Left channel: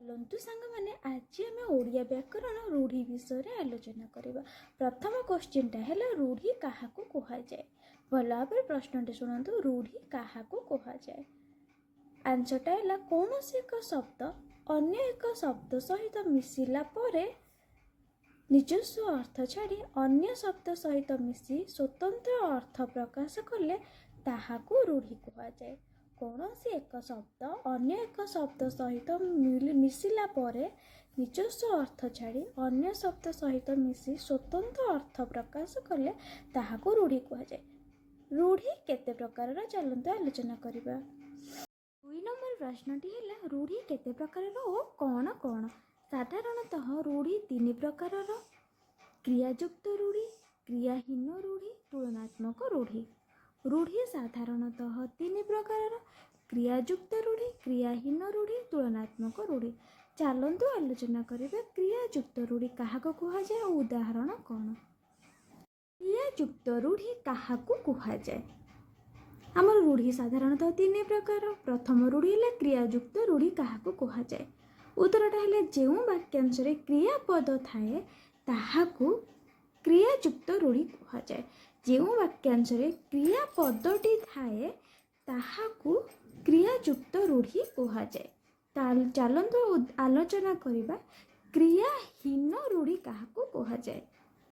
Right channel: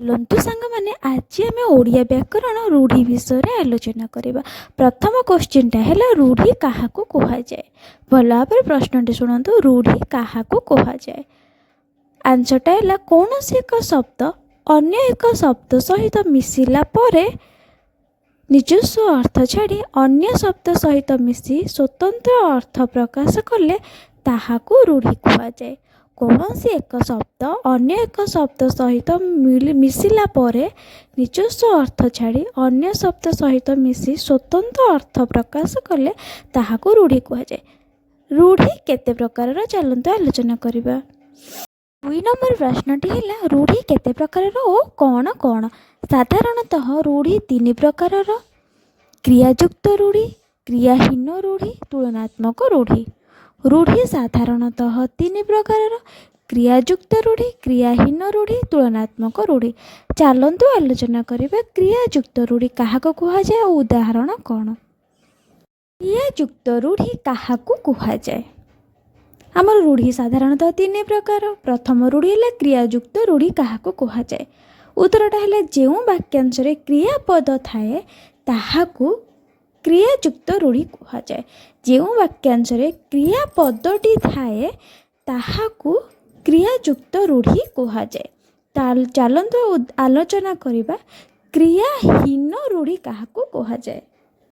लंतु सांग मैंने आज आम ओडिया व्याकरण रूढ़ी विषय रे आलोचना करबा। प्रथम क्वेश्चनटा है रूढ़ी क्या कह जाए। भल भाव प्रश्न शुणु रूढ़ी क्या कह जाए। आंसरटा है कौन सी एक शब्द अन्य एक शब्द सहित मिसिला परे निजस्व अर्थ छाड़ी अन्य शब्द सहित मिसी स्वतंत्र अर्थ प्रकाश कले ताहाकू रूढ़ी कह जाए। कौन सी एक शब्द अन्य एक शब्द सहित मिसिला परे निजस्व अर्थ छाड़ी अन्य शब्द सहित मिसी स्वतंत्र अर्थ प्रकाश कले ताहाकू रूढ़ी कह जाए। रूढ़ी केते प्रकार चलते आलोचना करबा। 2 नंबर प्रश्नटी है रूढ़ी केते प्रकार ओ कौन कौन। साधारणतः रूढ़ी 3 प्रकार। क्रियायुक्त रूढ़ी, क्रियाहीन रूढ़ी, तुलनात्मक रूढ़ी। रूढ़ी साधारणतः 3 प्रकार। क्रियायुक्त रूढ़ी, क्रियाहीन रूढ़ी, तुलनात्मक रूढ़ी। चलतु आलोचना करिबा क्रियायुक्त रूढ़ी क्या कह जाए और उदाहरण कौन। क्रियायुक्त रूढ़ी क्या कह जाए। आमर रूढ़ी साधारणतः 3 प्रकार। प्रथम रूढ़ी है क्रियायुक्त रूढ़ी क्या कह जाए। उत्तरटा है जो वाक्यांश क्रियापद थाए ताहाकू क्रियायुक्त रूढ़ी कह जाए। जो वाक्यांश क्रियापदटी थाए ताहाकू क्रियायुक्त रूढ़ी कह जाए। चलतु आलोचना करिबा क्रियाहीन रूढ़ी क्या कह जाए।